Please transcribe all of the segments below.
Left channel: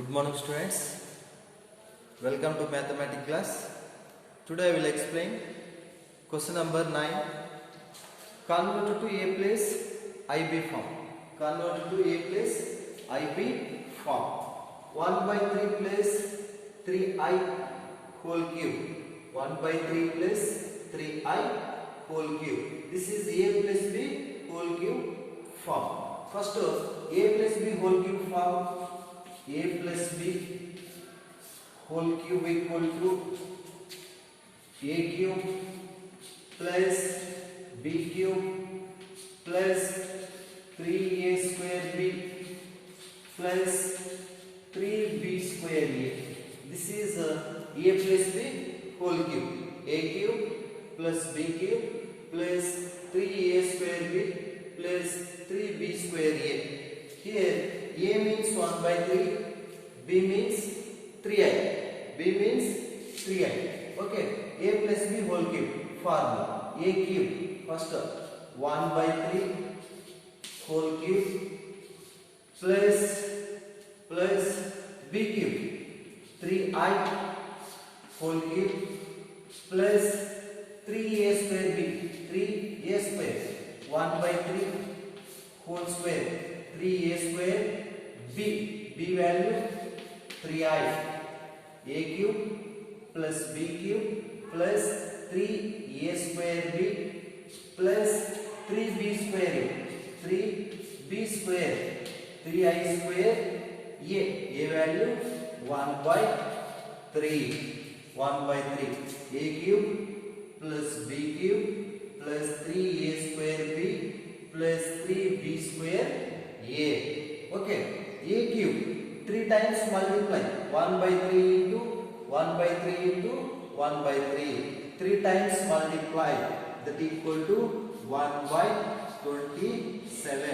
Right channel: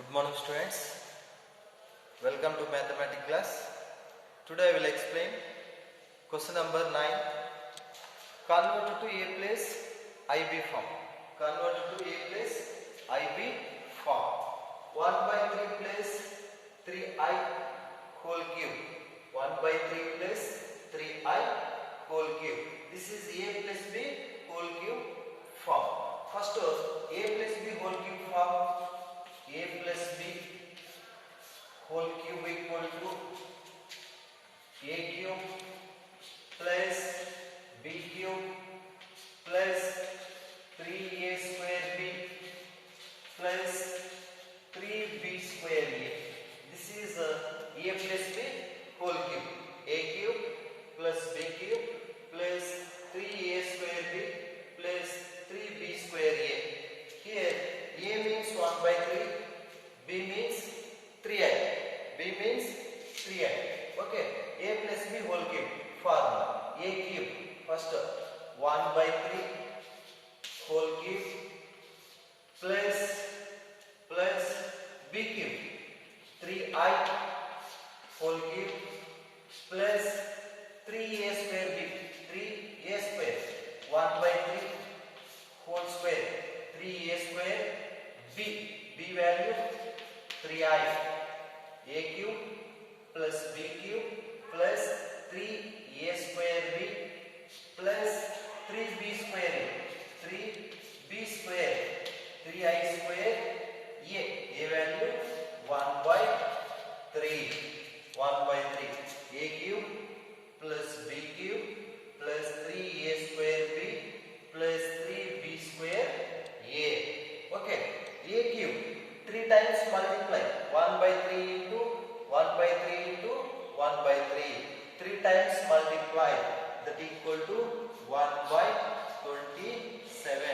Good morning students, welcome to mathematics class. Today I will explain question number 9. Convert to A plus IB form. Convert to A plus IB form. 1 by 3 plus 3I whole cube. 1 by 3 plus 3I whole cube. This is A plus B whole cube form. First A plus B whole cube form. A plus B whole cube equal to A cube plus B cube plus 3A square B plus 3B square A. This is A plus B whole cube. A cube plus B cube plus 3A square B plus 3B square A. Here A means 1 by 3, B means 3I. B means 3I. Okay. A plus B whole cube formula. A cube first 1 by 3 whole cube plus B cube 3I whole cube plus 3A square B 3A square 1 by 3 whole square 3A square B value 3I. A cube plus B cube plus 3A square B plus 3B square A. 3B square 3I square A value 1 by 3. 1 by 3. A cube plus B cube plus 3A square B plus 3B square A. Okay. A cube 3 times multiply 1 by 3 into 1 by 3 into 1 by 3. 3 times multiply that equal to 1 by 27.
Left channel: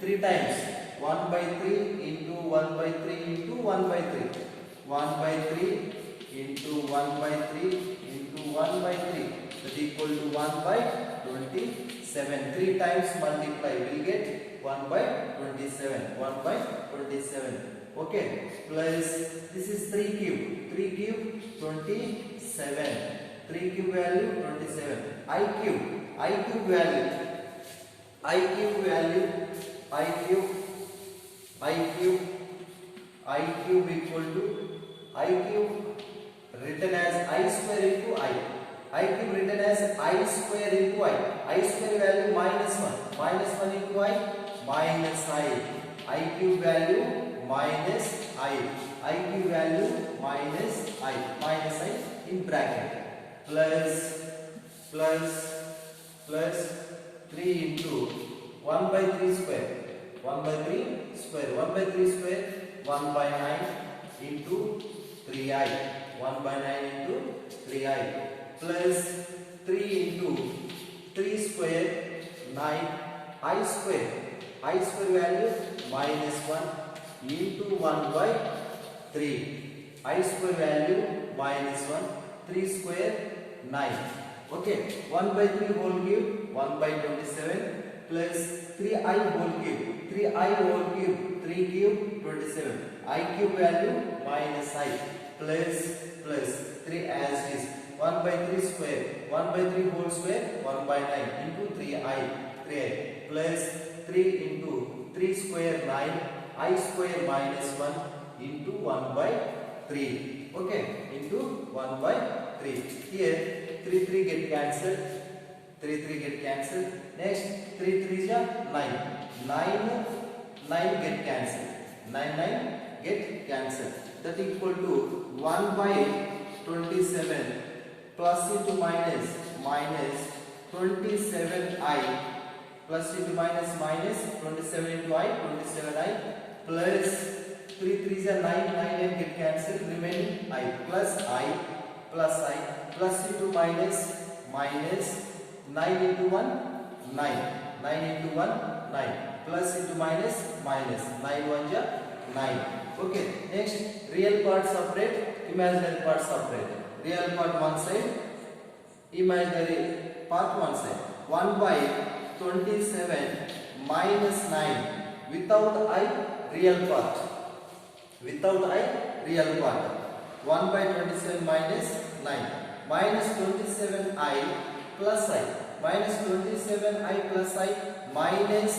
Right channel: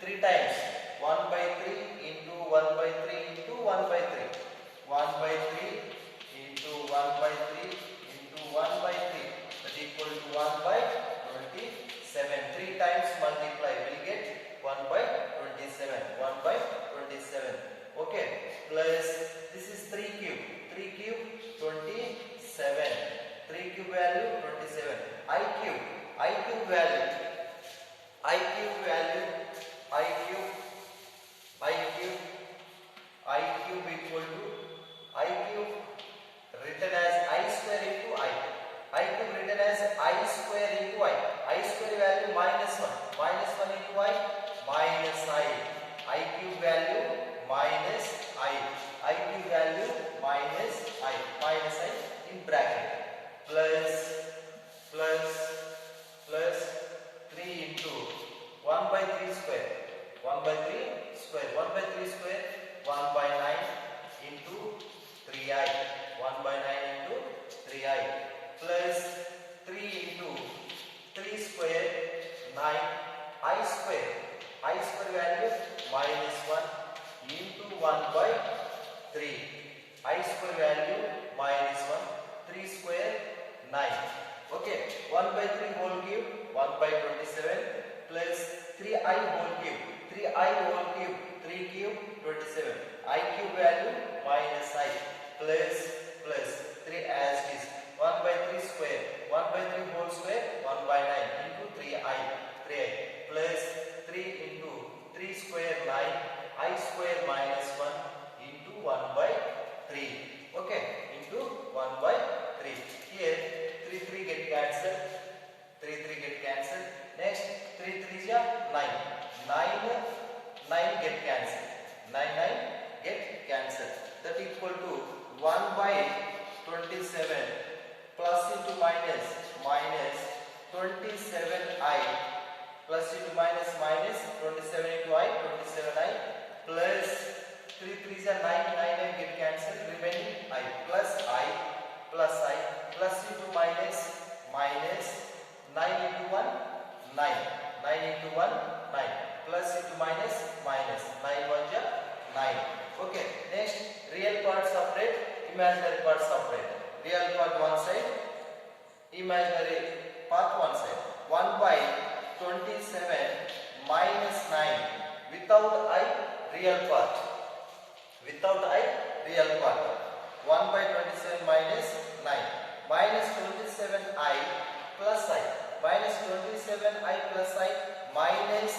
3 times 1 by 3 into 1 by 3 into 1 by 3. 1 by 3 into 1 by 3 into 1 by 3 that equal to 1 by 27. 3 times multiply will get 1 by 27. 1 by 27. Okay. Plus this is 3 cube. 3 cube 27. 3 cube value 27. I cube value. I cube value. I cube equal to I cube written as I square into I. I cube written as I square into I. I square value minus 1. Minus 1 into I. Minus I. I cube value minus I. I cube value minus I. Minus I in bracket. Plus 3 into 1 by 3 square. 1 by 3 square. 1 by 3 square. 1 by 9 into 3I. 1 by 9 into 3I. Plus 3 into 3 square 9 I square. I square value minus 1 into 1 by 3. I square value minus 1. 3 square 9. Okay. 1 by 3 whole cube 1 by 27 plus 3I whole cube. 3I whole cube 3 cube 27. I cube value minus I plus 3 as is. 1 by 3 square 1 by 3 whole square 1 by 9 into 3I plus 3 into 3 square 9 I square minus 1 into 1 by 3. Okay. Into 1 by 3. Here 3 get cancelled. 3 get cancelled. Next 3 3 is 9. 9 get cancelled. 9 get cancelled. That equal to 1 by 27 plus into minus 27I plus into minus 27 into I 27I plus 3 3 is 9 9 get cancelled remaining I plus into minus 9 into 1 9 into 1 9 plus into minus 9 1 ja 9. Okay. Next real part separate, imaginary part separate. Real part one side, imaginary part one side. 1 by 27 minus 9 without I real part. without I real part. 1 by 27 minus 9 minus 27I plus I minus 27I plus I minus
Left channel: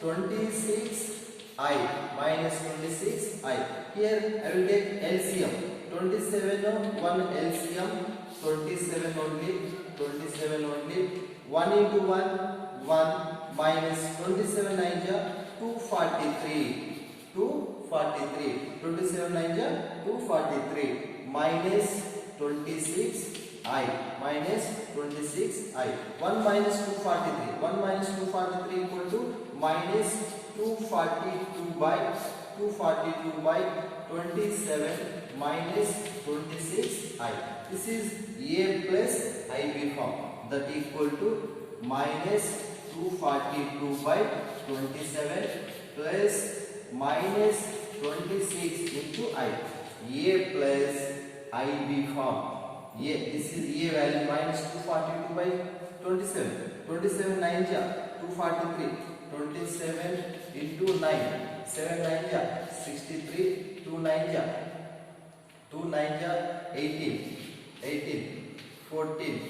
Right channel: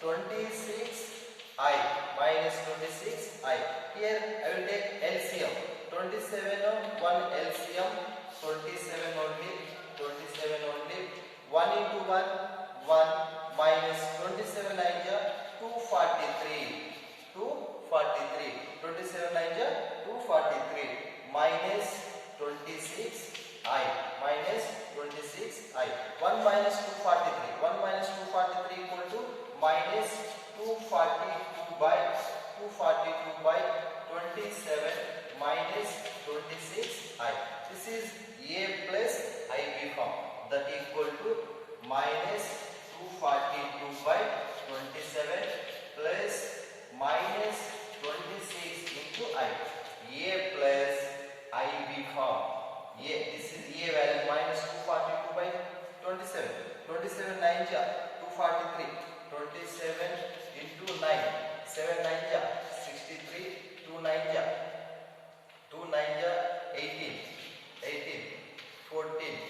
26I minus 26I. Here I will take LCM. 27 1 LCM 27 only 1 into 1 1 minus 27 9 243 27 9 243 minus 26I minus 26I. 1 minus 243 equal to minus 242 by 27 minus 26I. This is A plus IB form, that equal to minus 242 by 27 plus minus 26 into I. A plus IB form. This is A value minus 242 by 27. 27 9 243. 27 into 9. 7 9 63. 2 9 18. 14.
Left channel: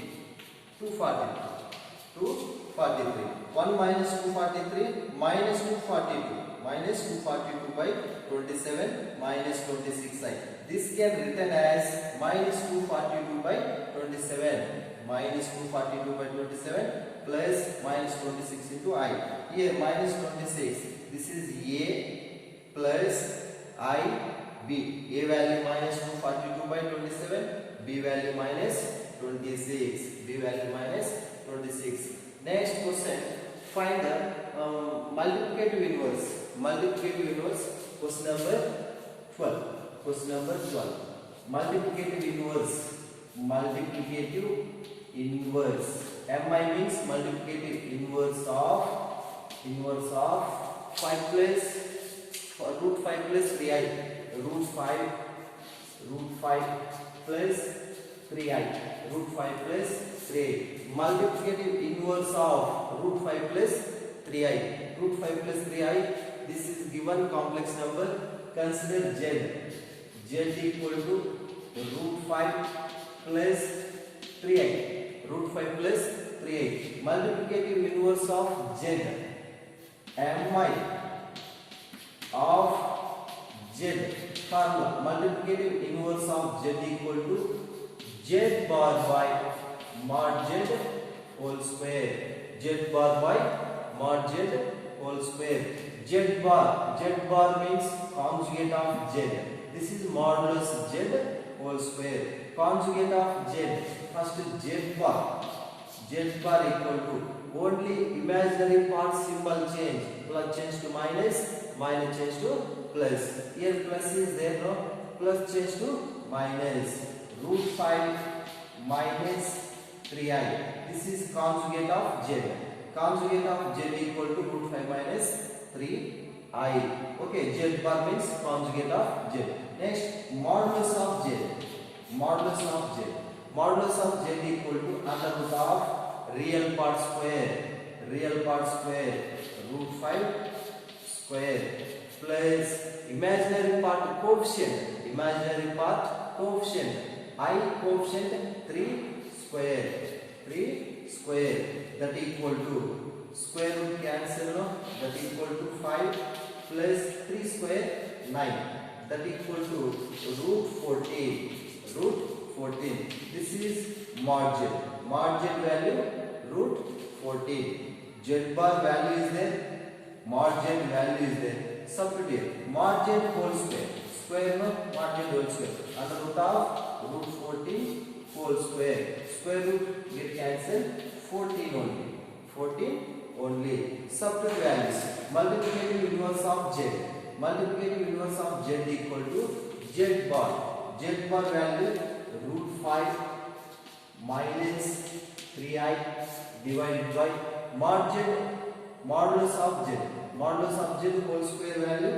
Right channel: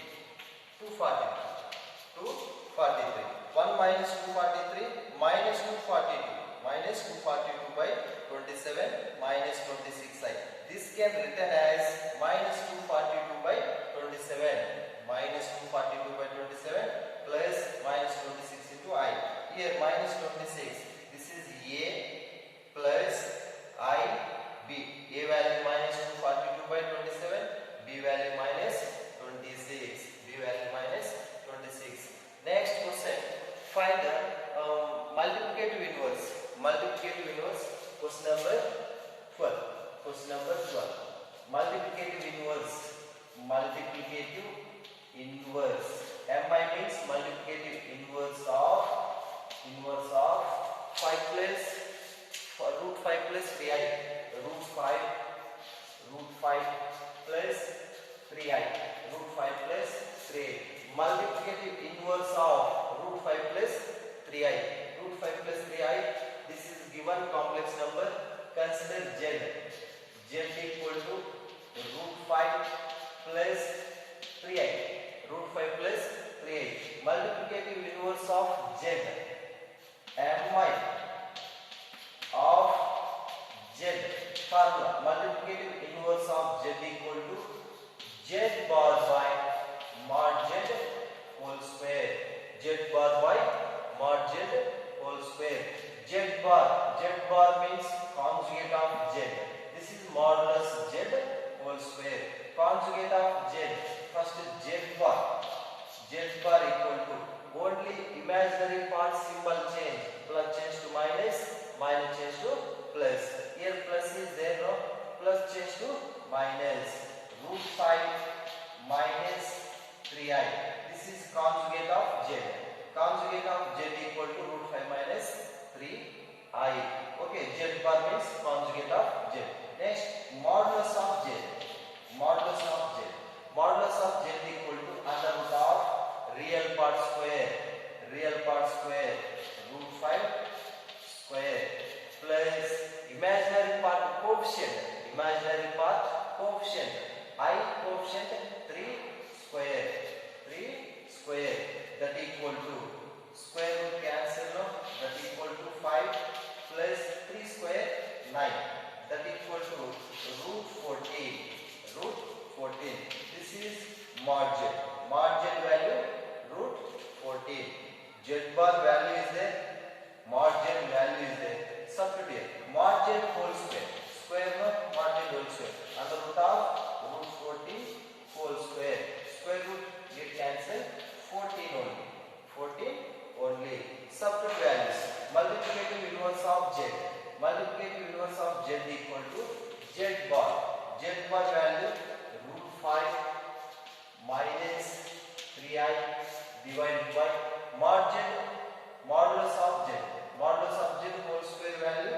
243. 1 minus 243 minus 242. Minus 242 by 27 minus 26I. This can written as minus 242 by 27. Minus 242 by 27 plus minus 26 into I. Here minus 26. This is A plus I B. A value minus 242 by 27. B value minus 26. B value minus 26. Next question. Find the multiplicative inverse. Multiplicative inverse. Question number 12. Question number 12. Multiplicative inverse. Multiplicative inverse. MI means multiplicative inverse of 5 plus root 5 plus 3i. Root 5 plus 3i. Root 5 plus 3i. Multiplicative inverse of root 5 plus 3i. Root 5 plus 3i. This is given complex number. Consider z. Z equal to root 5 plus 3i. Root 5 plus 3i. Multiplicative inverse of z. Mi of z. Formula. Multiplicative inverse of z equal to z bar by mod z whole square. Z bar by mod z whole square. Z bar means conjugate of z. This is modulus z whole square. Conjugate of z. First z bar. Z bar equal to only imaginary part symbol change. Plus change to minus, minus change to plus. Here plus is there, no? Plus change to minus. Root 5 minus 3i. This is conjugate of z. Conjugate of z equal to root 5 minus 3i. Okay, z bar means conjugate of z. Next, modulus of z. Modulus of z. Modulus of z equal to under root of real part square. Real part square. Root 5 square plus imaginary part coefficient. Imaginary part coefficient. I coefficient 3 square. 3 square. That equal to square root cancel, no? That equal to 5 plus 3 square 9. That equal to root 14. Root 14. This is mod z. Mod z value root 14. Z bar value is there. Mod z value is there. Substitute here. Mod z whole square. Square, no? Mod z whole square. Under root of root 14 whole square. Square root get cancelled. 14 only. 14 only. Substitute values. Multiplicative inverse of z. Multiplicative inverse of z equal to z bar. Z bar value root 5 minus 3i divided by mod z. Modulus of z. Modulus of z whole square value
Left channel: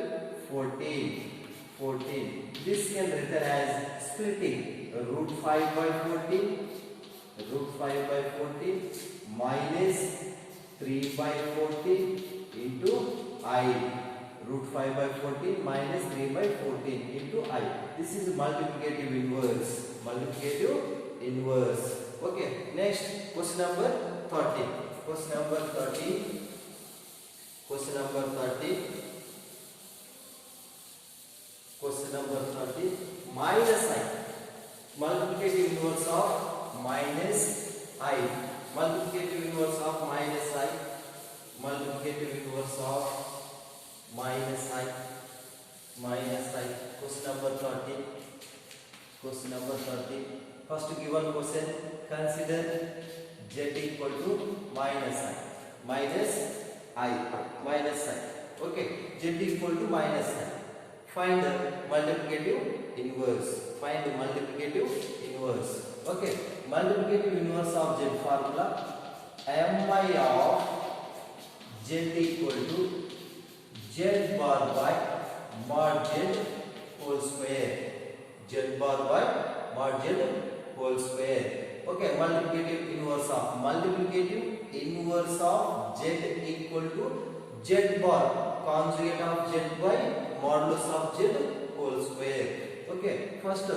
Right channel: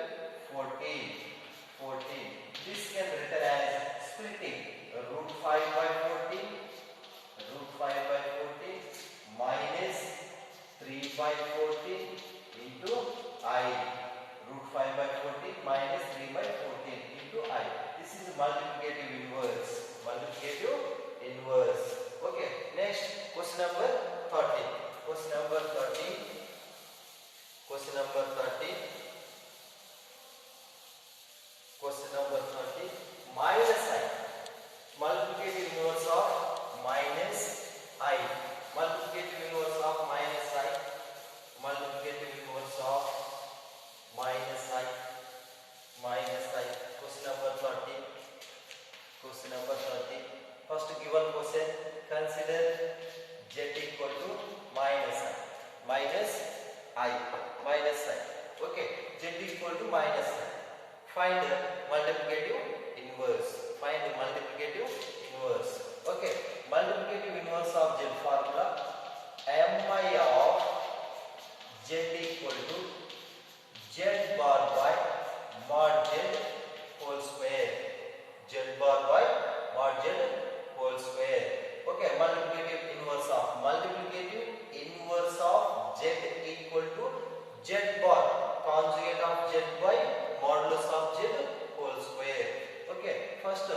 14. 14. This can written as splitting root 5 by 14. Root 5 by 14 minus 3 by 14 into I. Root 5 by 14 minus 3 by 14 into This is multiplicative inverse. Multiplicative inverse. Okay. Next, question number 30. Question number 30. Question number 30. Question number 30. Minus I. Multiplicative inverse of minus I. Multiplicative inverse of minus I. Multiplicative inverse of minus I. Minus I. Question number 30. Question number 30. First given question, consider z equal to minus I. Minus I. Minus I. Okay. Z equal to minus I. Find the multiplicative inverse. Find the multiplicative inverse. Okay. Multiplicative inverse of z formula. Mi of z equal to z bar by mod z whole square. Z bar by mod z whole square. Okay. Multiplicative inverse of z equal to z bar conjugate of z by modulus of z whole square. Okay. First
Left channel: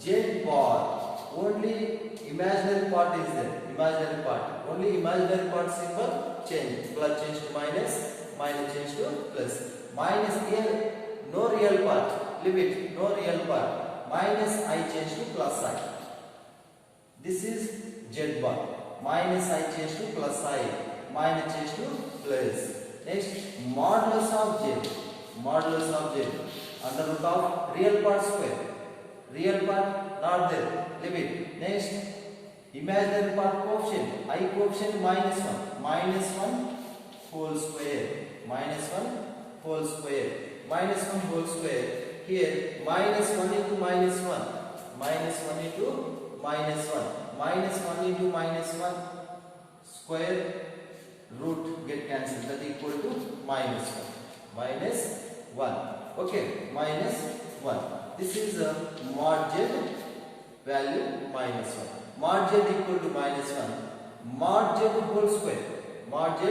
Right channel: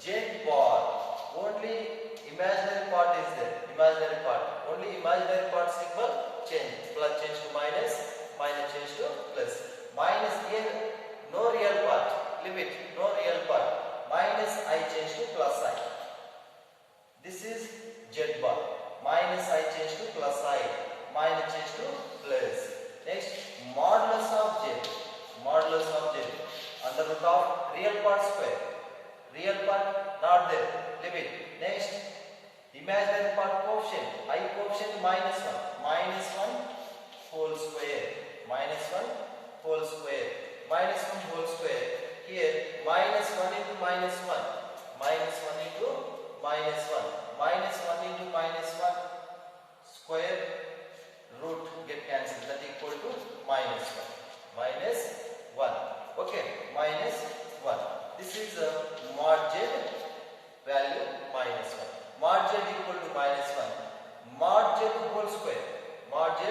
z bar, only imaginary part is there. Imaginary part. Only imaginary part symbol change. Plus change to minus, minus change to plus. Minus here, no real part. Leave it. No real part. Minus I change to plus I. This is z bar. Minus I change to plus I. Minus change to plus. Next, modulus of z. Modulus of z. Under root of real part square. Real part not there. Leave it. Next, imaginary part coefficient. I coefficient minus 1. Minus 1 whole square. Minus 1 whole square. Minus 1 whole square. Here minus 1 into minus 1. Minus 1 into minus 1. Minus 1 into minus 1 square root get cancelled. That equal to minus 1. Minus 1. Okay. Minus 1. This is the mod z value minus 1. Mod z equal to minus 1. Mod z whole square. Mod z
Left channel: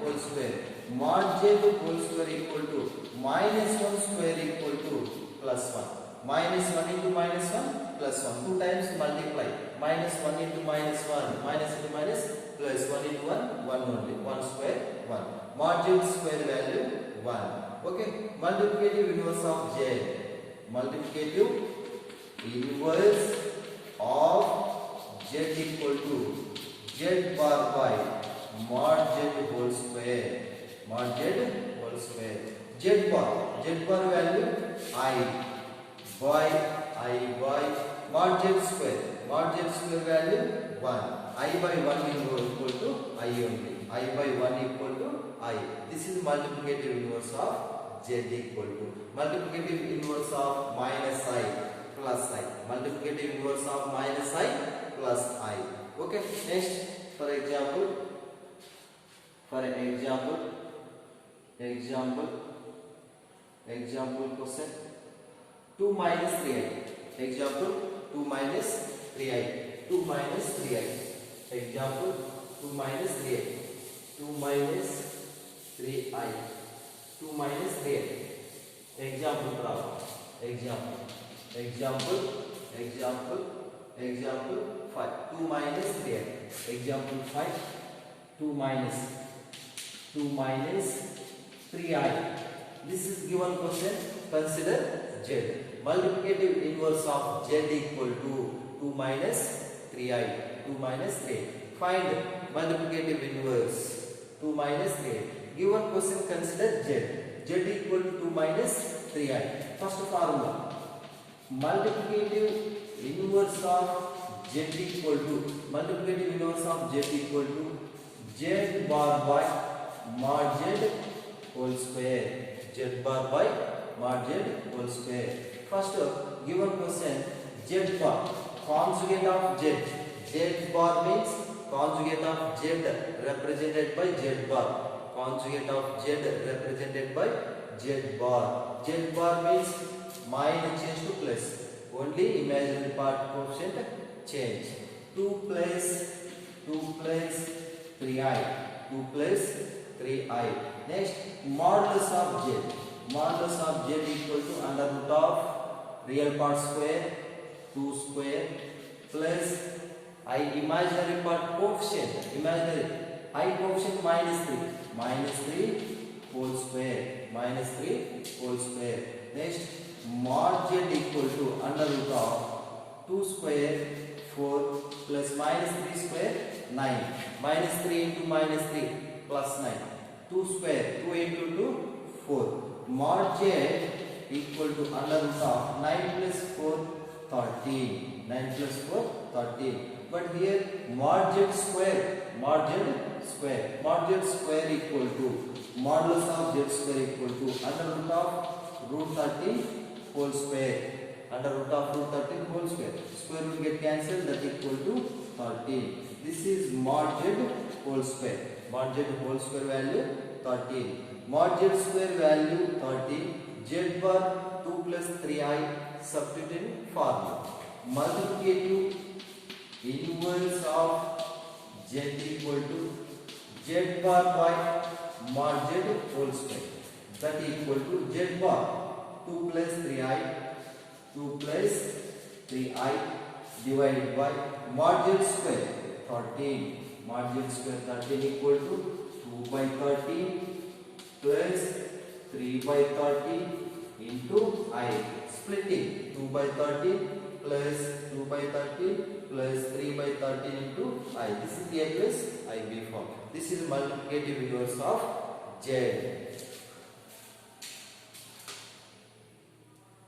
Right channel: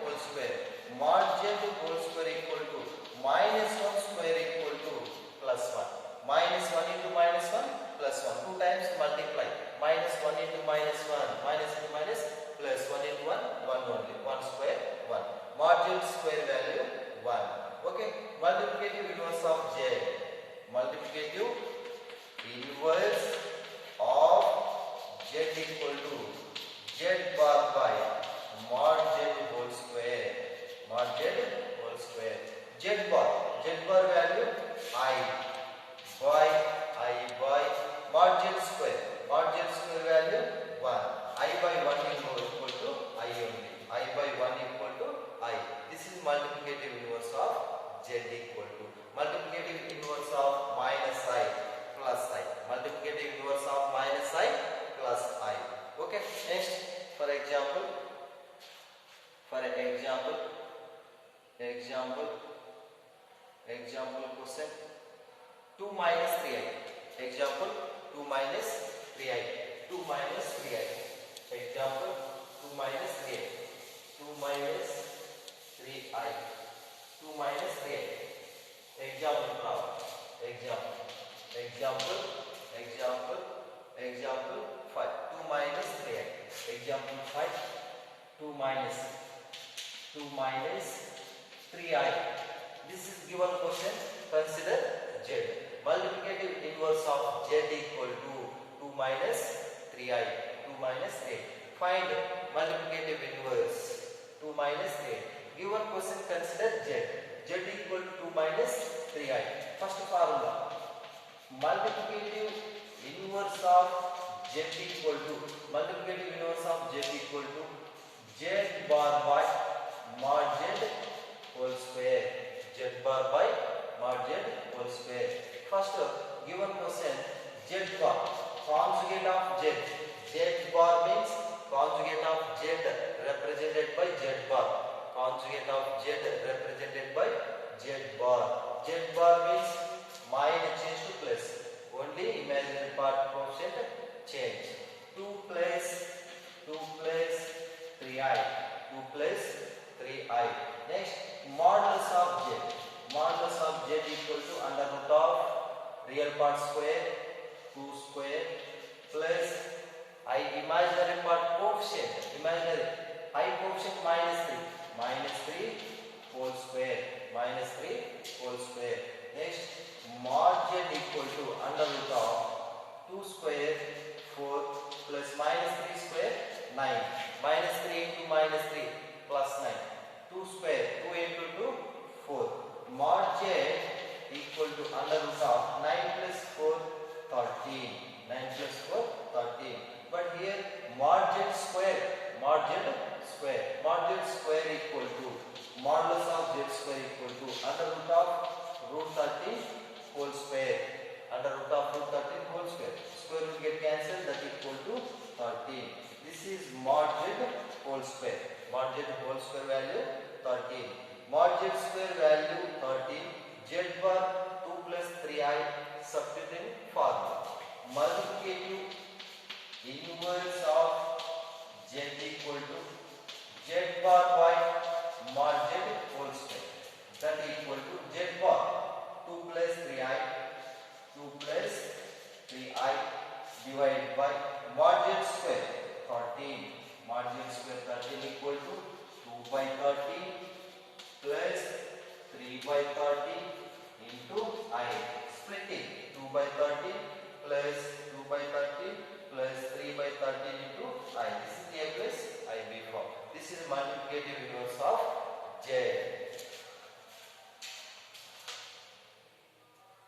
whole square. Mod z whole square equal to minus 1 square equal to plus 1. Minus 1 into minus 1 plus 1. 2 times multiply. Minus 1 into minus 1. Minus into minus plus 1 into 1. 1 only. 1 square 1. Mod z square value 1. Okay. Multiplicative inverse of z. Multiplicative inverse of z equal to z bar by mod z whole square. Mod z whole square. Z bar value I by mod z square. Mod z square value 1. I by 1 equal to I only. I by 1 equal to I. This is multiplicative inverse of z equal to multiplicative inverse of minus I plus I. Multiplicative inverse of minus I plus I. Okay. Next, for example question 2 minus 3i. Example 2 minus 3i. 2 minus 3i. Example 2 minus 3i. 2 minus 3i. 2 minus 3i. Example problem. Example 5. 2 minus 3i. Example 5. 2 minus 3i. This is given question. Consider z. Multiplicative inverse of z equal to 2 minus 3i. 2 minus 3i. Find multiplicative inverse 2 minus 3i. Given question, consider z. Z equal to 2 minus 3i. First formula. Multiplicative inverse of z equal to z bar by mod z whole square. Z bar by mod z whole square. First given question, z bar conjugate of z. Z bar means conjugate of z represented by z bar. Conjugate of z represented by z bar. Z bar means minus change to plus. Only imaginary part coefficient change. 2 plus 3i. 2 plus 3i. Next, modulus of z. Modulus of z equal to under root of real part square 2 square plus I imaginary part coefficient imaginary I coefficient minus 3 whole square minus 3 whole square. Next mod z equal to under root of 2 square 4 plus minus 3 square 9 minus 3 into minus 3 plus 9 2 square 2 into 2 4 mod z equal to under root of 9 plus 4 13 9 plus 4 13 but here mod z square equal to modulus of z square equal to under root of root 13 whole square under root of root 13 whole square square will get cancelled that equal to 13. This is mod z whole square value 13 mod z square value 13 z bar 2 plus 3i substitute in formula multiplicative inverse of z equal to z bar by mod z whole square that equal to z bar 2 plus 3i divided by mod z square 13 mod z square 13 equal to 2 by 13 plus 3 by 13 into I splitting 2 by 13 plus 2 by 13 plus 3 by 13 into I. This is A plus IB form. This is multiplicative inverse of Z.